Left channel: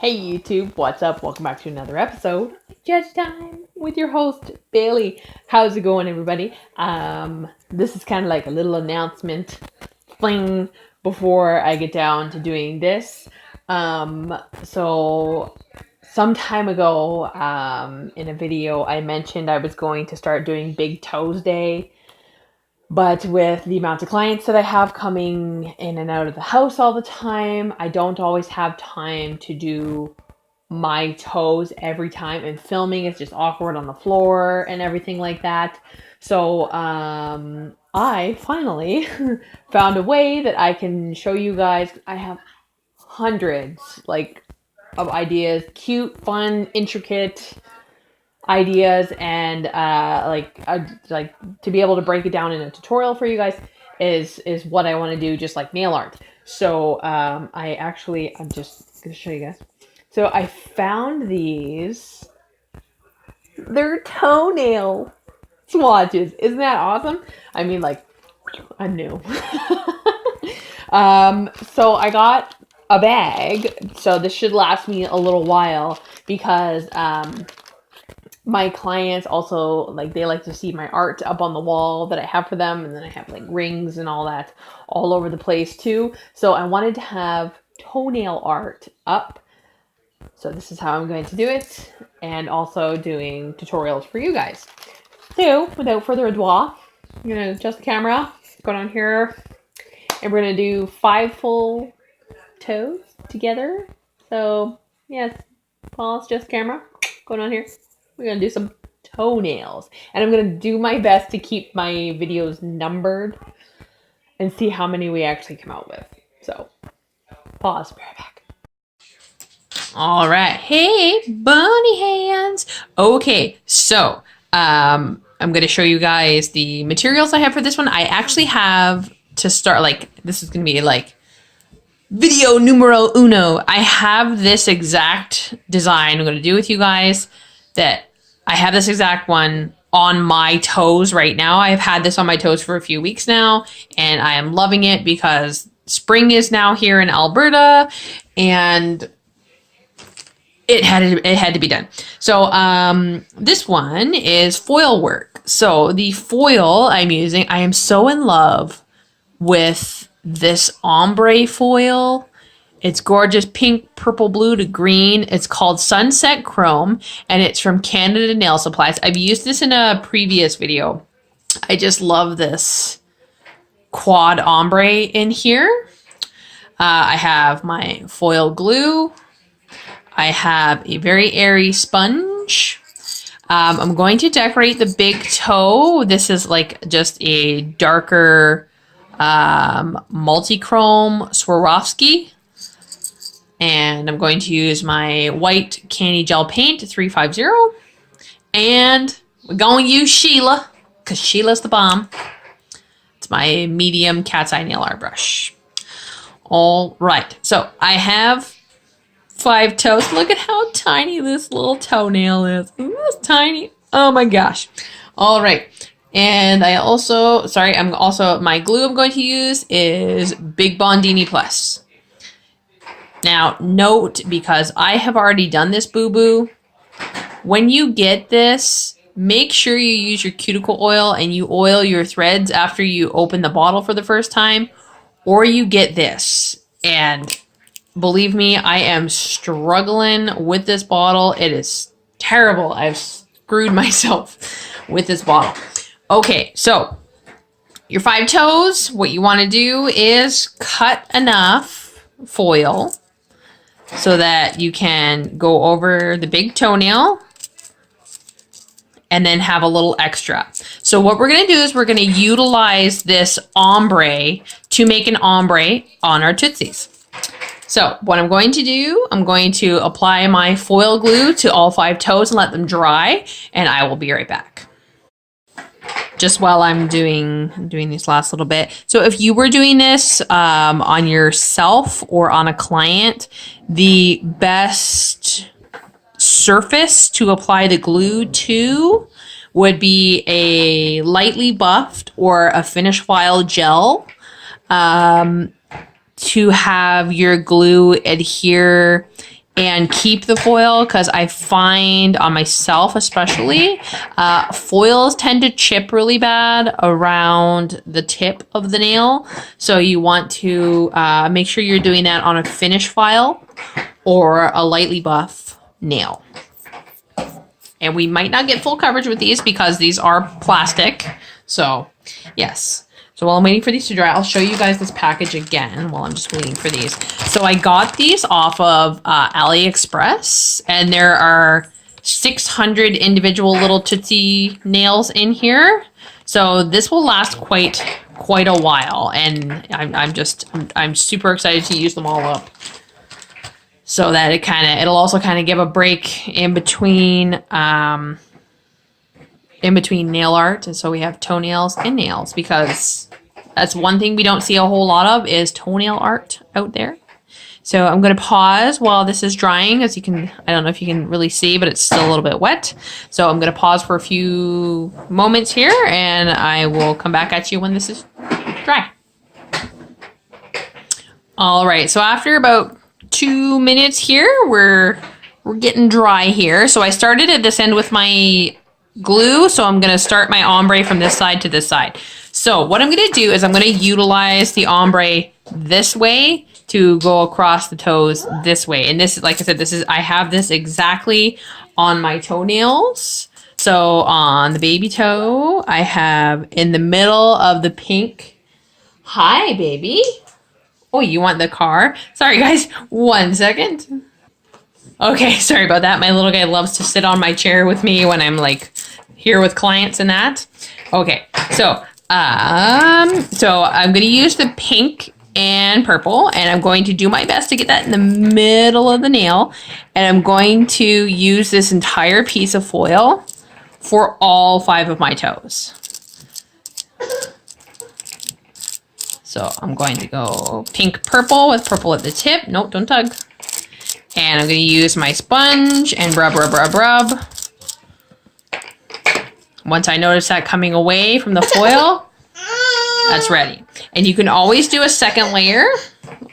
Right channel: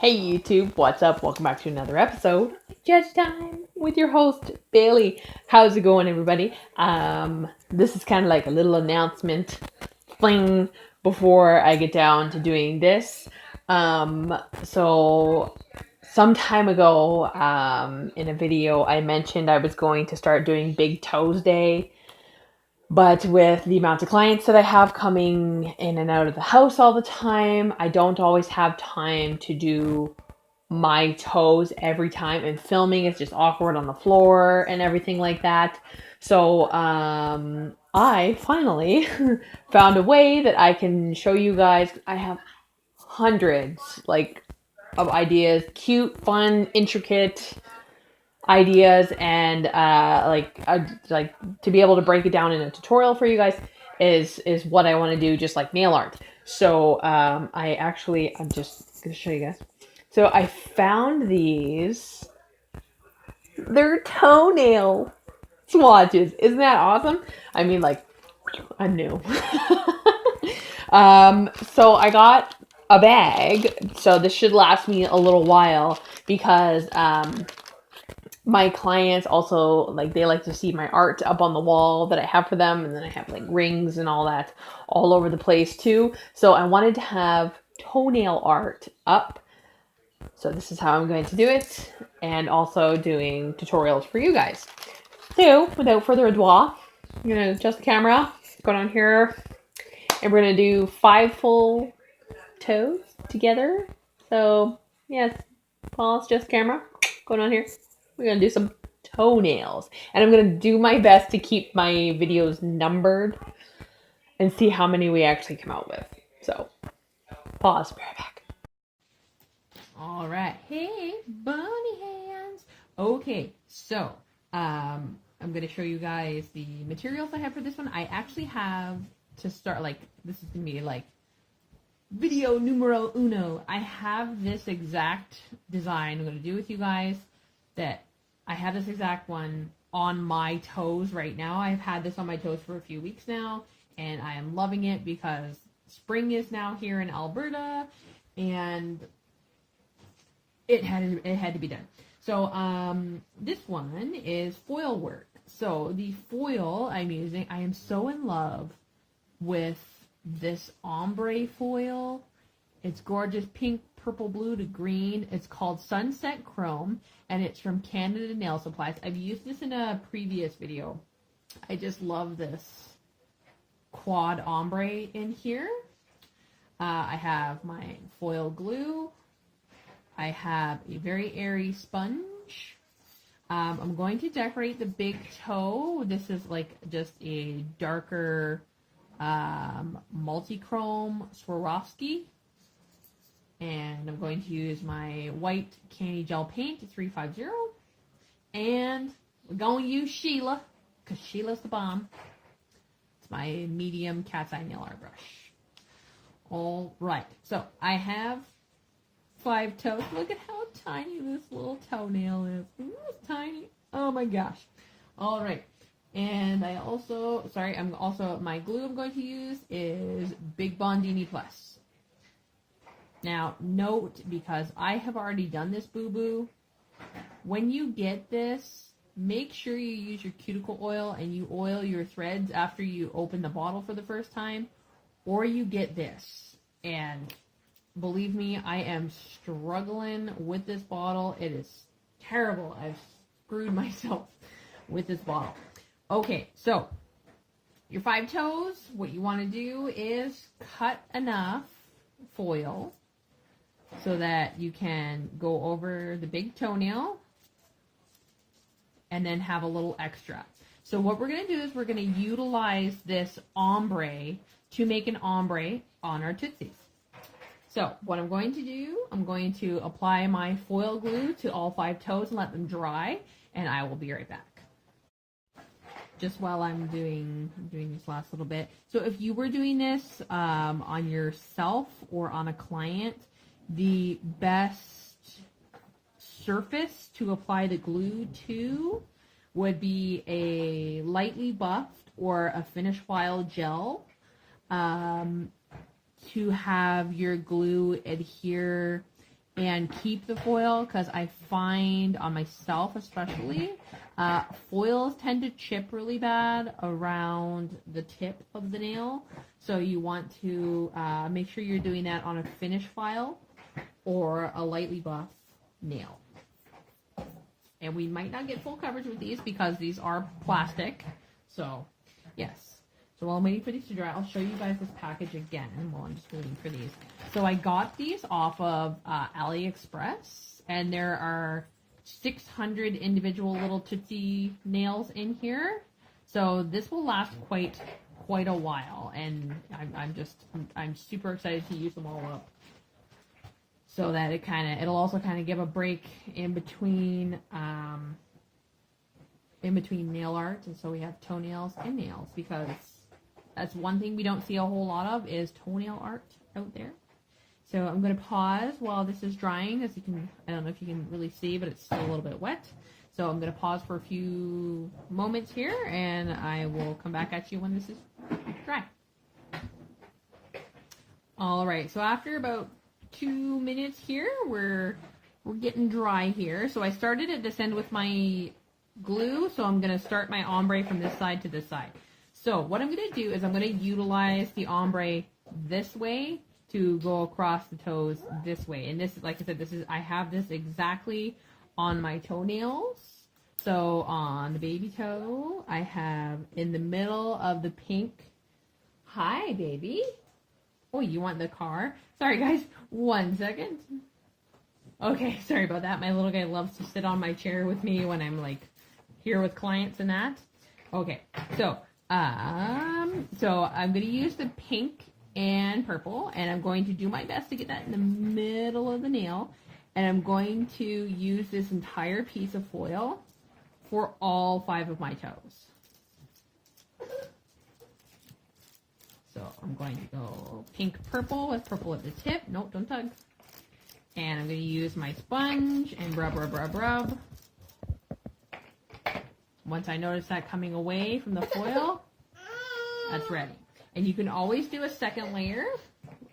Hey YouTube, what's up? Welcome back to another episode of Judge Time with your host Bailey. How's it going, everybody? This is kind of like a little announcement thing before I get down to doing this. So some time ago, in a video, I mentioned I was going to start doing Big Toes Day. But with the amount of clients that I have coming in and out of the house all the time, I don't always have time to do my toes every time, and filming is just awkward on the floor and everything like that. So I finally found a way that I can show you guys. I have hundreds of ideas, cute, fun, intricate ideas, and like to be able to break it down in a tutorial for you guys is what I want to do, just like nail art. So I'm just gonna show you guys. So I found these. They're toenail swatches. Isn't that awesome? I mean, like, I'm new. So I got a bag. So this should last me a little while because my clients also, like, they like to see my art up on the wall that I have for them, and then I have like rings and all that all over the place too. So I wanted to have toenail art up. So this is how I'm going to do it, and also doing tutorials for you guys. So without further ado, I'm gonna adjust the camera, go down here, and we're gonna do 5 full toes together. So yes, pause, just camera, go down here. We're gonna do some toenails, and I'm gonna do my best to keep my videos numbered and see how many we actually come out with. So pause, be right back. All right. Hey, bunny hands. Okay, so I'm going to show you guys the materials I have for this one. I actually have to start, like, this is going to be like video numero uno. I have this exact design I'm going to do with you guys, that I have this exact one on my toes right now. I've had this on my toes for a few weeks now, and I am loving it because spring is now here in Alberta, and it had to be done. So this one is foil work. So the foil I'm using, I am so in love with this ombre foil. It's gorgeous, pink, purple, blue to green. It's called Sunset Chrome, and it's from Canada Nail Supplies. I've used this in a previous video. I just love this quad ombre in here. I have my foil glue. I have a very airy sponge. I'm going to decorate the big toe. This is like just a darker multi-chrome Swarovski. And I'm going to use my white Canni gel paint 350. And we're going to use Sheila, because Sheila's the bomb. It's my medium cat's eye nail art brush. All right, so I have 5 toes. Look at how tiny this little toenail is. It's tiny. Oh my gosh. All right. And my glue I'm going to use is Big Bondini Plus. Now, note, because I have already done this boo-boo, when you get this, make sure you use your cuticle oil and you oil your threads after you open the bottle for the first time, or you get this. And believe me, I am struggling with this bottle. It is terrible. I've screwed myself with this bottle. Okay, so your 5 toes, what you want to do is cut enough foil so that you can go over the big toenail and then have a little extra. So what we're going to do is we're going to utilize this ombre to make an ombre on our tootsies. So what I'm going to do, I'm going to apply my foil glue to all 5 toes and let them dry, and I will be right back. Just while I'm doing this last little bit. So if you were doing this on yourself or on a client, the best surface to apply the glue to would be a lightly buffed or a finish file gel. To have your glue adhere and keep the foil, because I find on myself especially, foils tend to chip really bad around the tip of the nail. So you want to make sure you're doing that on a finish file or a lightly buff nail. And we might not get full coverage with these because these are plastic. So yes. So while I'm waiting for these to dry, I'll show you guys this package again while I'm just waiting for these. So I got these off of AliExpress, and there are 600 individual little Tootsie nails in here. So this will last quite a while, and I'm super excited to use them all up. So that it'll also kind of give a break in between nail art, and so we have toenails and nails, because that's one thing we don't see a whole lot of is toenail art out there. So I'm going to pause while this is drying, as you can, I don't know if you can really see, but it's still a little bit wet. So I'm going to pause for a few moments here, and I will come back at you when this is dry. All right, so after about 2 minutes here, we're getting dry here. So I started at this end with my glue, so I'm going to start my ombre from this side to this side. So what I'm going to do is I'm going to utilize the ombre this way to go across the toes this way. And this is, like I said, I have this exactly on my toenails. So on the baby toe, I have in the middle of the pink. Hi, baby. Oh, you want the car? Sorry, guys. 1 second. Okay, sorry about that. My little guy loves to sit on my chair with me when I'm like here with clients and that. Okay, so I'm going to use the pink and purple, and I'm going to do my best to get that in the middle of the nail. And I'm going to use this entire piece of foil for all 5 of my toes. So I'm going to go pink, purple with purple at the tip. Nope, don't tug. And I'm going to use my sponge and rub, rub, rub, rub. Once I notice that coming away from the foil, that's ready. And you can always do a second layer.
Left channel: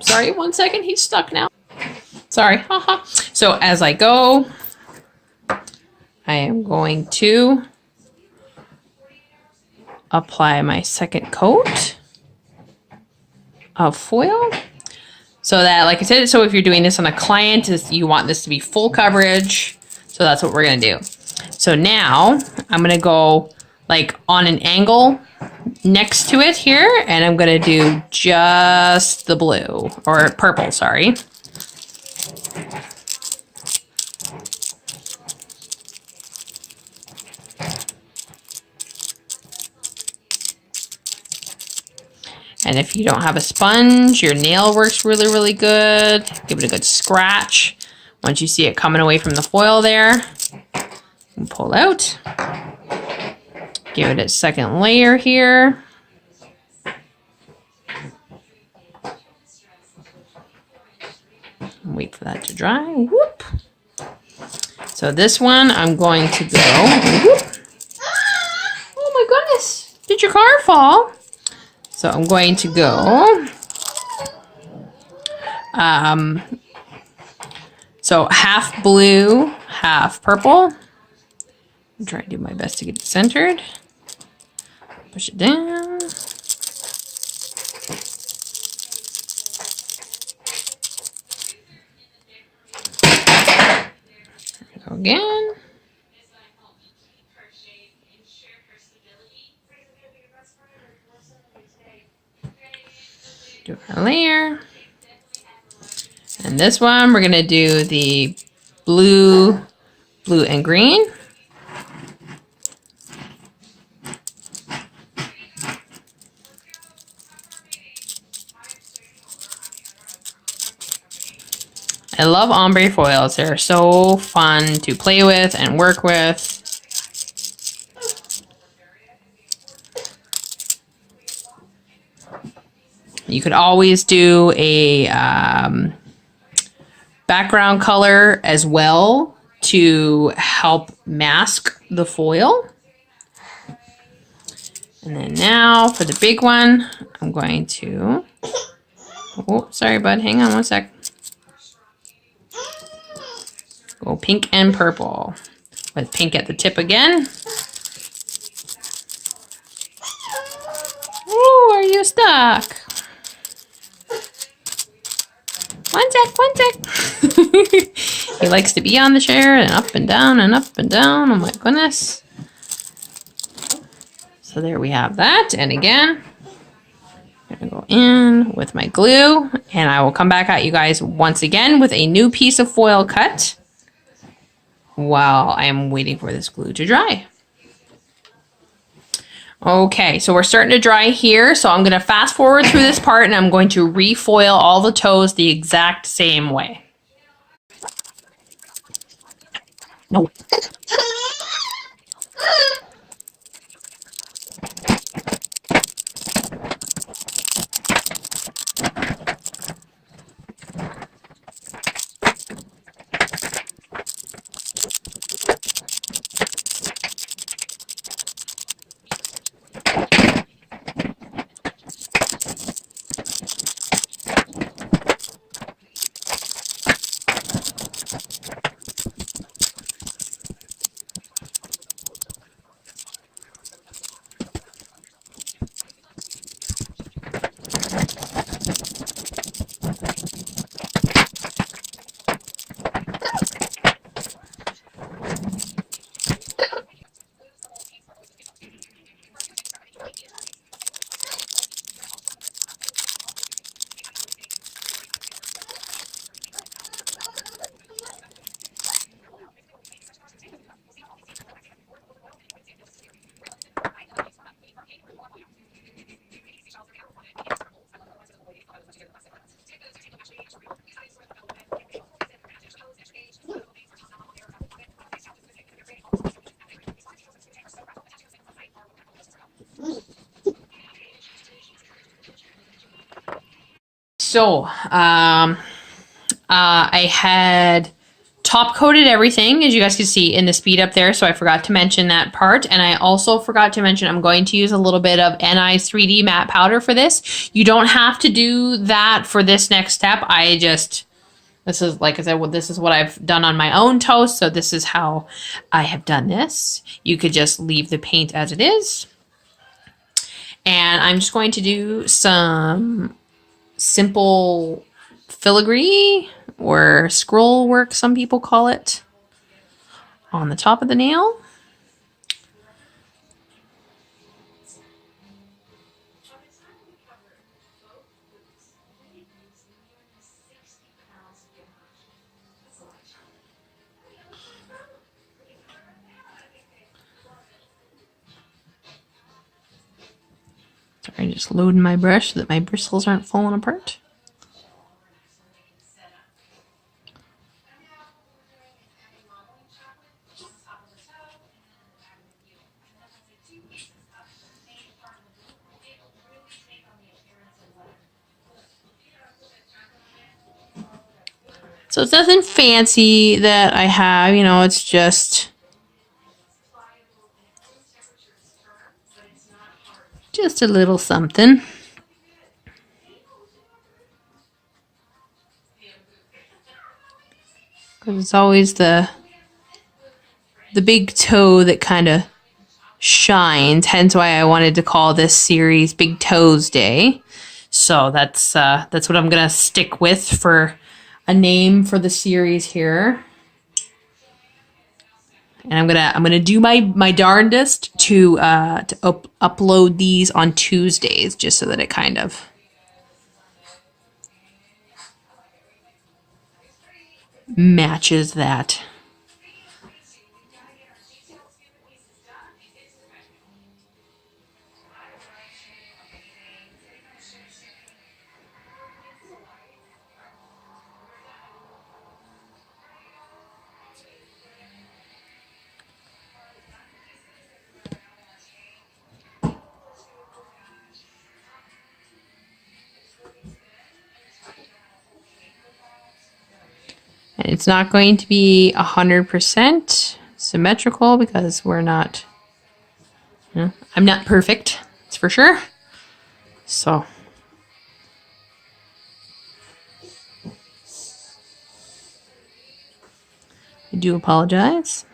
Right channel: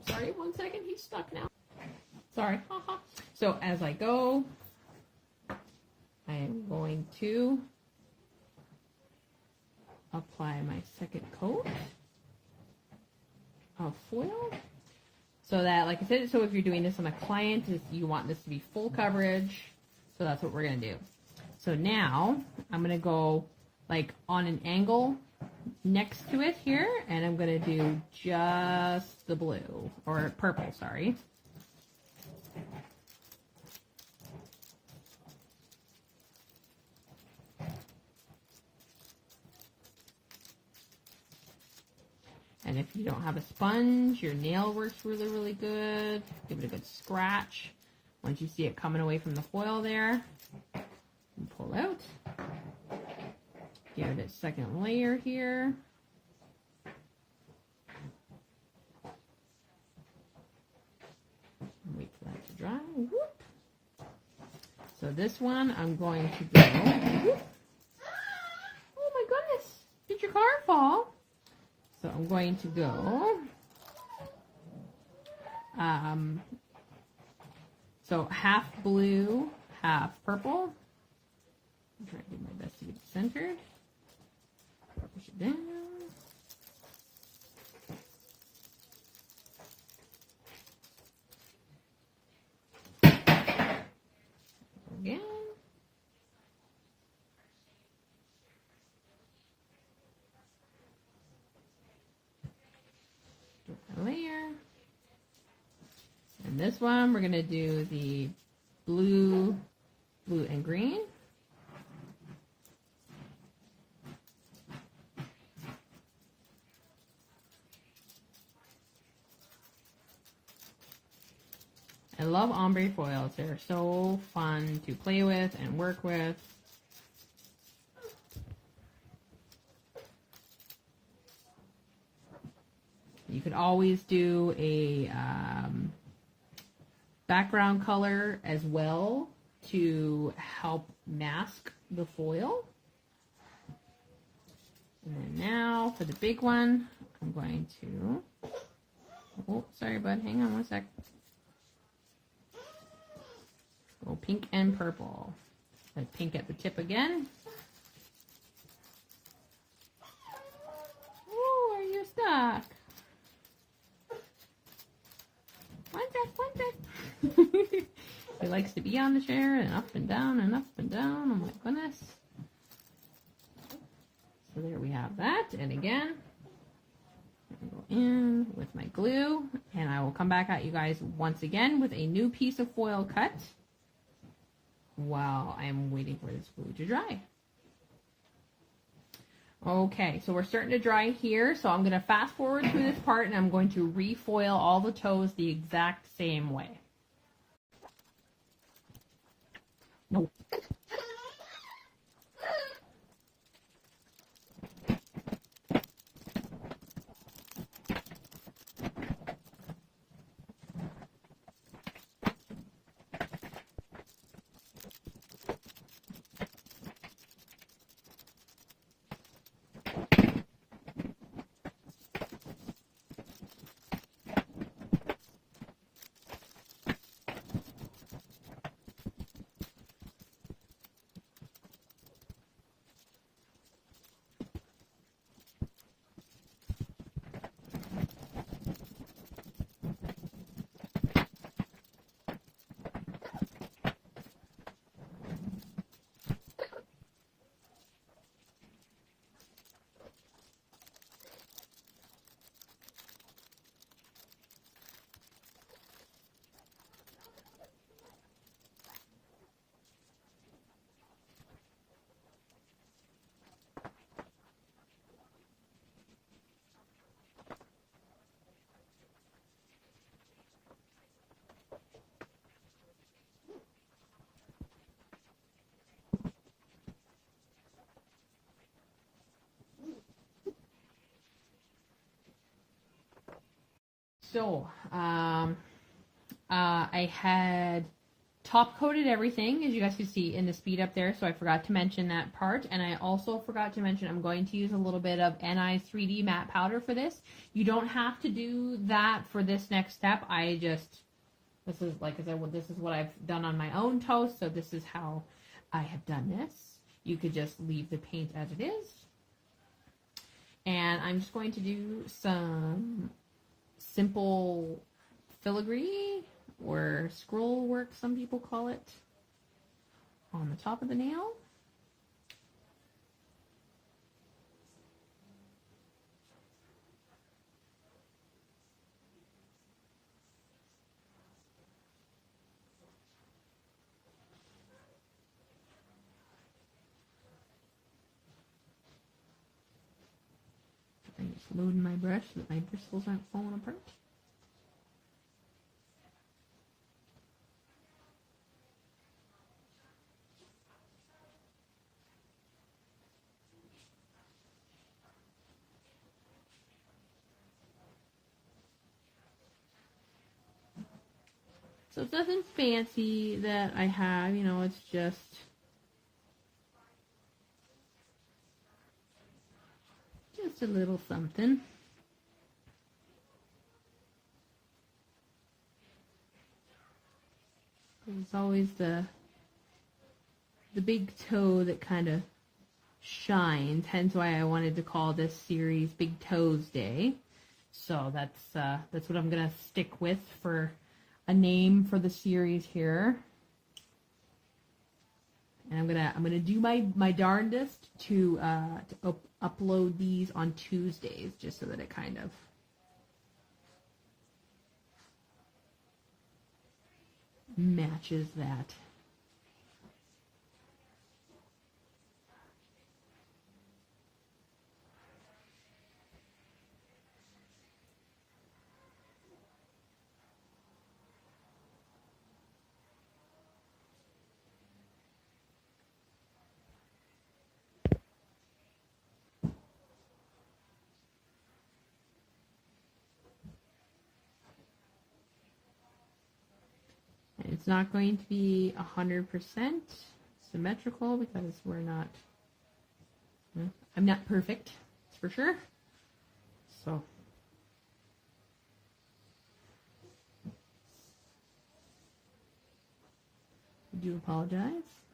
Sorry, 1 second, he's stuck now. Sorry, haha. So as I go, I am going to apply my second coat of foil. So that, like I said, so if you're doing this on a client, you want this to be full coverage. So that's what we're gonna do. So now I'm gonna go like on an angle next to it here, and I'm gonna do just the blue, or purple, sorry. And if you don't have a sponge, your nail works really, really good. Give it a good scratch. Once you see it coming away from the foil there, and pull out. Give it a second layer here. Wait for that to dry. Whoop. So this one, I'm going to go. Whoop. Oh my goodness! Did your car fall? So I'm going to go. So half blue, half purple. I'm trying to do my best to get it centered. Push it down. There we go again. Do our layer. And this one, we're gonna do the blue, blue and green. I love ombre foils. They're so fun to play with and work with. You could always do a background color as well to help mask the foil. And then now for the big one, I'm going to, oh, sorry bud, hang on 1 sec. Go pink and purple. With pink at the tip again. Oh, are you stuck? One sec. He likes to be on the chair and up and down and up and down. Oh my goodness. So there we have that. And again, I'm gonna go in with my glue and I will come back at you guys once again with a new piece of foil cut while I am waiting for this glue to dry. Okay, so we're starting to dry here. So I'm gonna fast forward through this part and I'm going to refoil all the toes the exact same way. No. So, I had top coated everything, as you guys can see in the speed up there, so I forgot to mention that part. And I also forgot to mention I'm going to use a little bit of NI 3D matte powder for this. You don't have to do that for this next step. This is, like I said, this is what I've done on my own toast, so this is how I have done this. You could just leave the paint as it is. And I'm just going to do some simple filigree or scroll work, some people call it, on the top of the nail. Sorry, just loading my brush so that my bristles aren't falling apart. So it's nothing fancy that I have, you know, it's just a little something. Because it's always the big toe that kind of shines, hence why I wanted to call this series Big Toes Day. So that's what I'm gonna stick with for a name for the series here. And I'm gonna do my darndest to upload these on Tuesdays, just so that it kind of matches that. And it's not going to be 100% symmetrical because we're not, you know, I'm not perfect, that's for sure. So. I do apologize.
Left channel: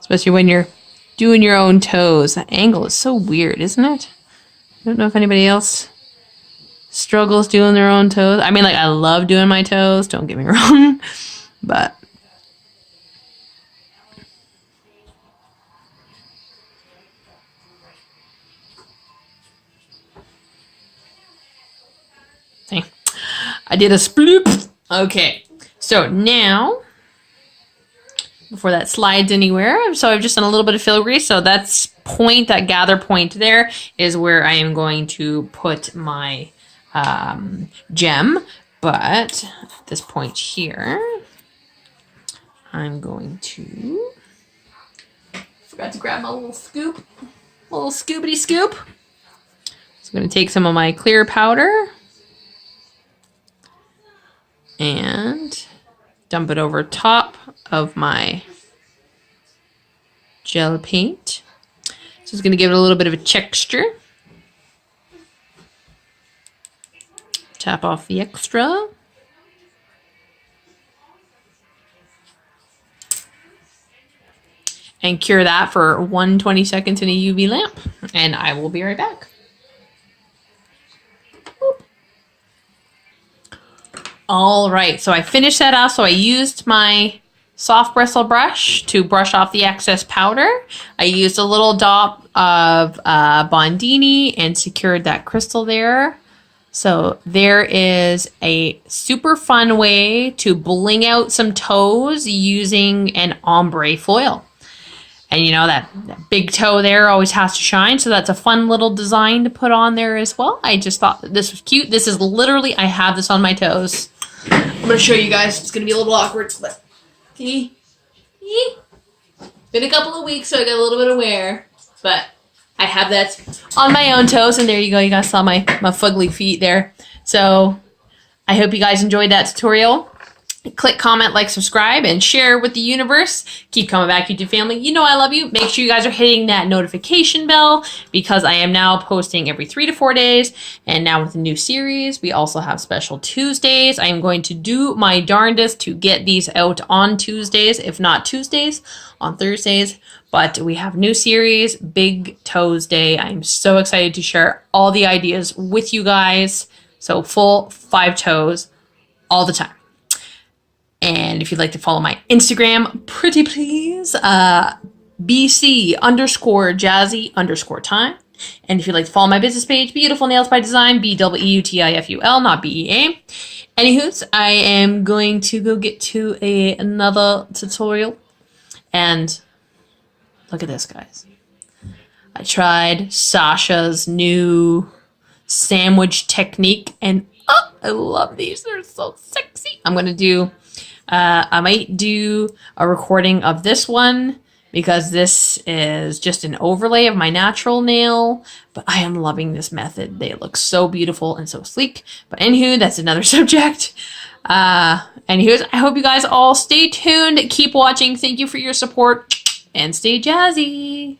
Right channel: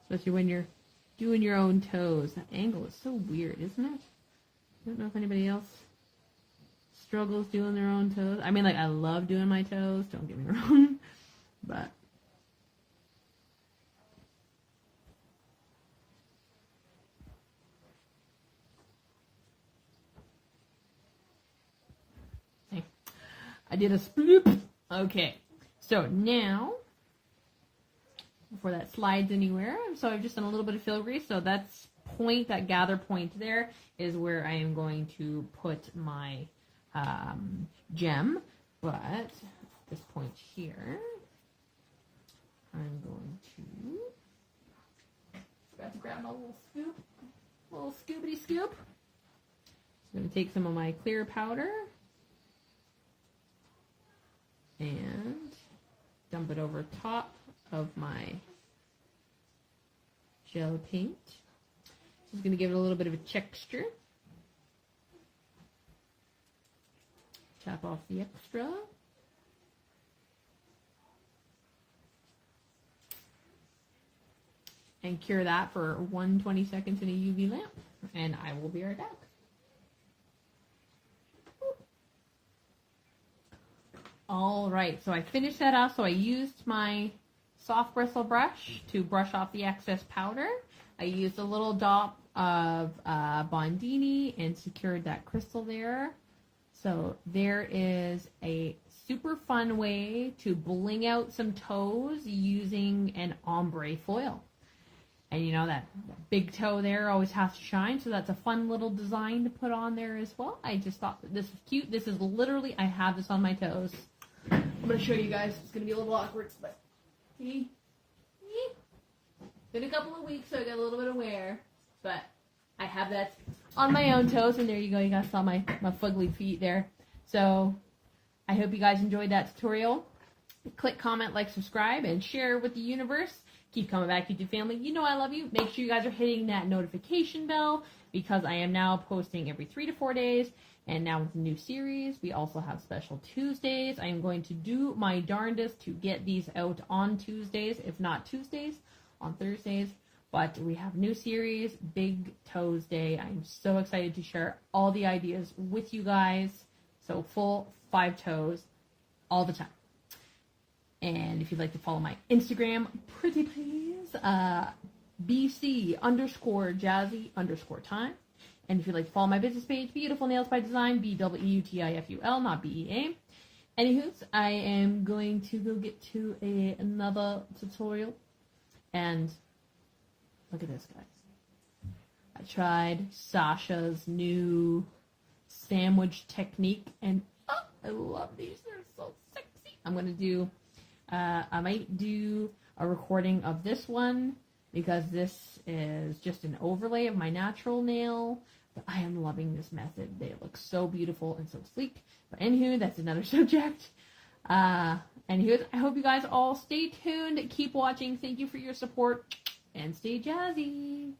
Especially when you're doing your own toes. That angle is so weird, isn't it? I don't know if anybody else struggles doing their own toes. I mean, like, I love doing my toes, don't get me wrong, but see, I did a sploop. Okay, so now, before that slides anywhere, so I've just done a little bit of filigree, so that's point, that gather point there is where I am going to put my gem, but at this point here, I'm going to, forgot to grab my little scoop, little scoopity scoop. So I'm going to take some of my clear powder and dump it over top of my gel paint. So it's going to give it a little bit of a texture. Tap off the extra. And cure that for 120 seconds in a UV lamp. And I will be right back. All right, so I finished that off. So I used my soft bristle brush to brush off the excess powder. I used a little dot of bondini and secured that crystal there. So there is a super fun way to bling out some toes using an ombre foil. And you know, that big toe there always has to shine. So that's a fun little design to put on there as well. I just thought that this was cute. This is literally, I have this on my toes. I'm going to show you guys. It's going to be a little awkward, but see? Been a couple of weeks, so I got a little bit of wear. But I have that on my own toes, and there you go. You guys saw my fugly feet there. So I hope you guys enjoyed that tutorial. Click, comment, like, subscribe, and share with the universe. Keep coming back, YouTube family. You know I love you. Make sure you guys are hitting that notification bell because I am now posting every 3 to 4 days. And now with the new series, we also have special Tuesdays. I am going to do my darndest to get these out on Tuesdays, if not Tuesdays, on Thursdays. But we have new series, Big Toes Day. I'm so excited to share all the ideas with you guys. So full 5 toes all the time. And if you'd like to follow my Instagram, pretty please, BC_jazzy_time. And if you'd like to follow my business page, Beautiful Nails by Design, BEUTIFUL, not BEA. Anywho's, I am going to go get to another tutorial. And look at this, guys. I tried Sasha's new sandwich technique, and oh, I love these. They're so sexy. I'm going to do... I might do a recording of this one because this is just an overlay of my natural nail, but I am loving this method. They look so beautiful and so sleek. But anywho, that's another subject. Anywho, I hope you guys all stay tuned. Keep watching. Thank you for your support and stay jazzy.